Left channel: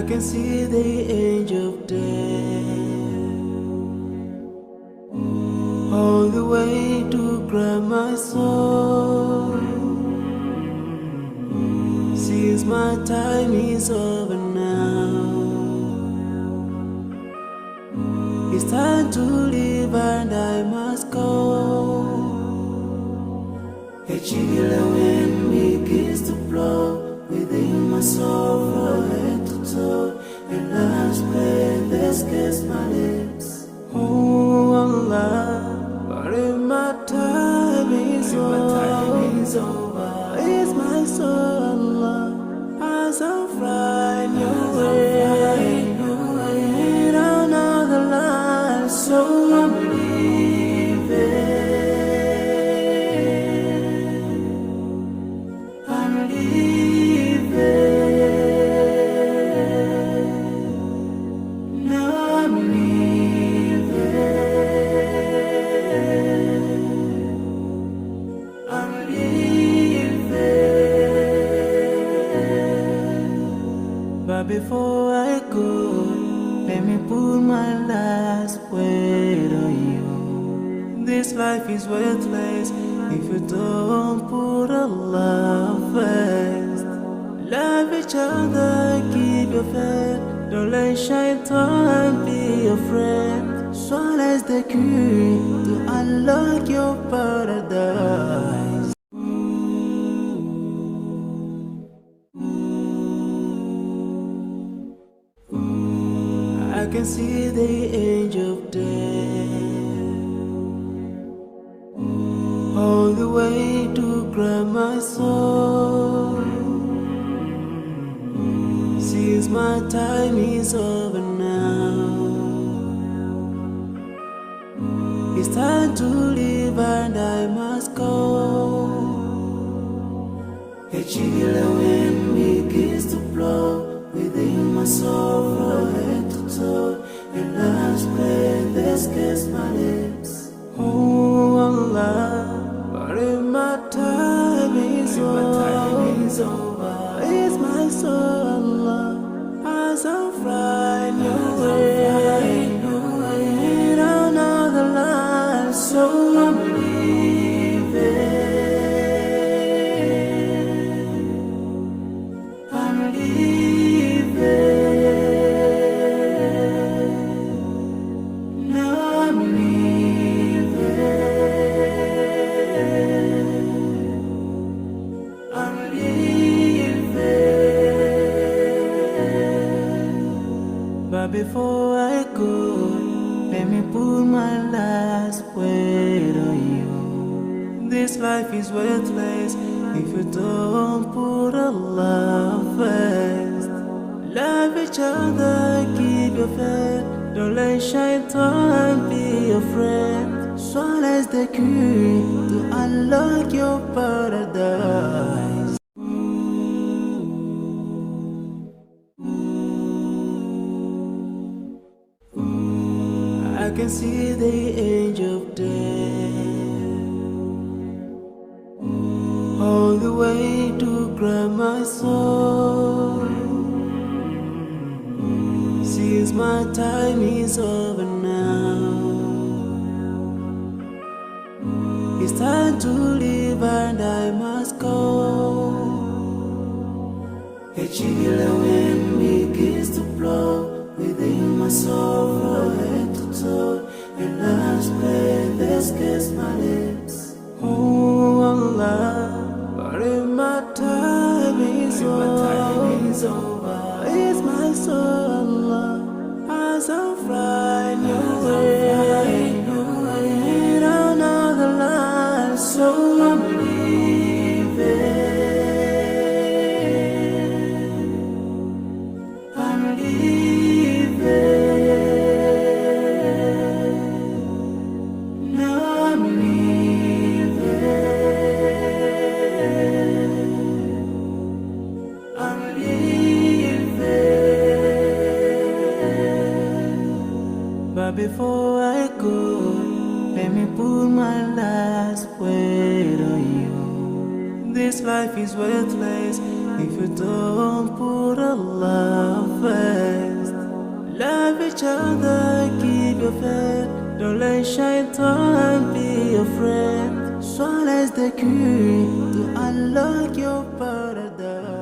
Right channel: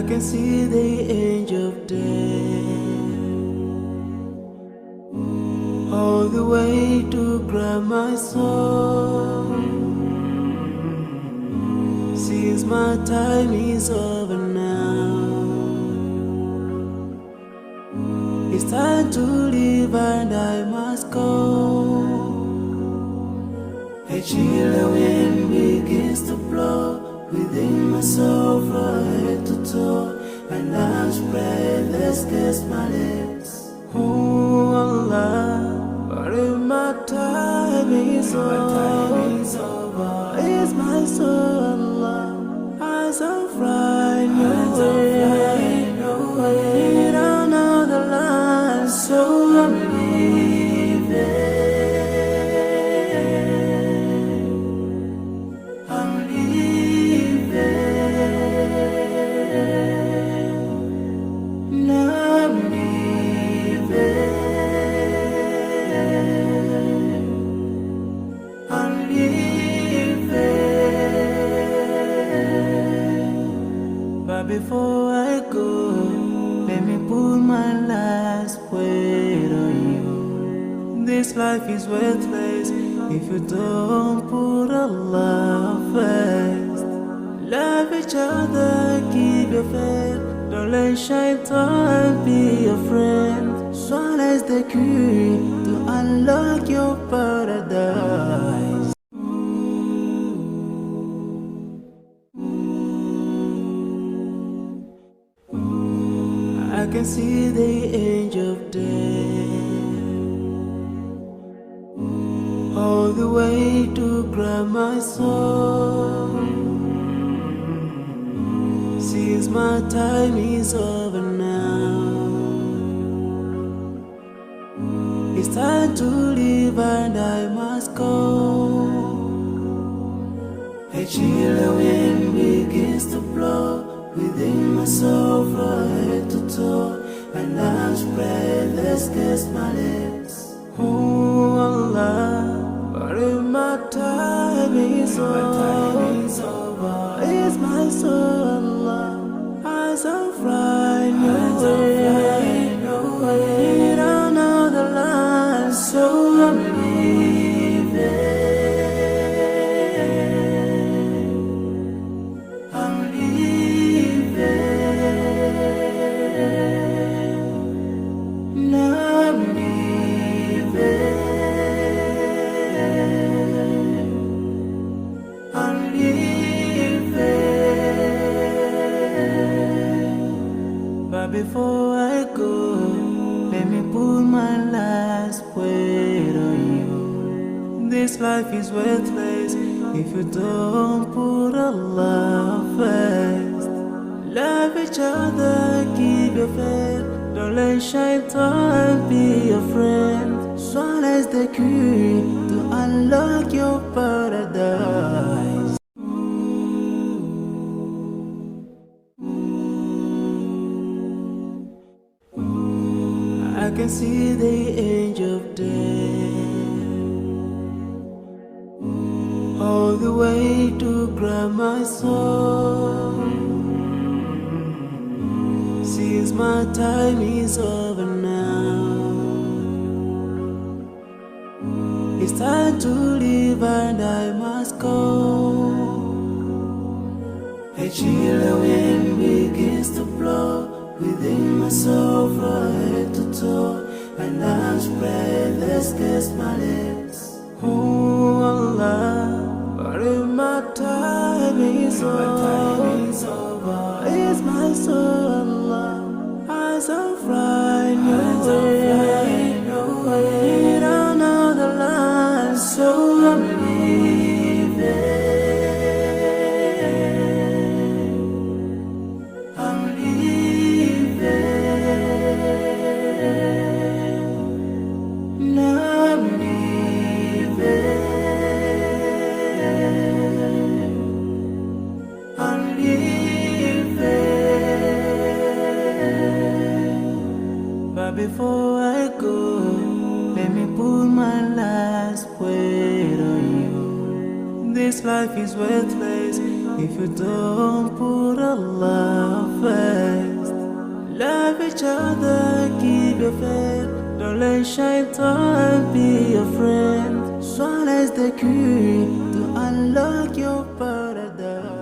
I can see the angel of death all the way to grab my soul. Since my time is over now, it's time to leave and I must go. A chilly wind begins to blow within my soul from head to toe, and love's breath escapes my lips. Oh Allah, but if my time is over, it's my soul, Allah, as I'm flying your way, down another line, so I'm leaving. But before I go, let me put my last word on you. This life is worthless if you don't put Allah first. Love each other, keep your faith. Don't let shaitan be your friend. Swallow the key to unlock your paradise. I can see the angel of death all the way to grab my soul. Since my time is over now, it's time to leave and I must go. A chilly wind begins to blow within my soul from head to toe, and love's breath escapes my lips. Oh Allah, but if my time is over, it's my soul, Allah, as I'm flying your way, down another line, so I'm leaving. But before I go, let me put my last word on you. This life is worthless if you don't put Allah first. Love each other, keep your faith. Don't let shaitan be your friend. Swallow the key to unlock your paradise. I can see the angel of death all the way to grab my soul. Since my time is over now, it's time to leave and I must go. A chilly wind begins to blow within my soul from head to toe, and love's breath escapes my lips. Oh Allah, but if my time is over, it's my soul, Allah, as I'm flying your way, down another line, so I'm leaving. But before I go, let me put my last word on you. This life is worthless if you don't put Allah first. Love each other, keep your faith. Don't let shaitan be your friend. Swallow is the key to unlock your paradise.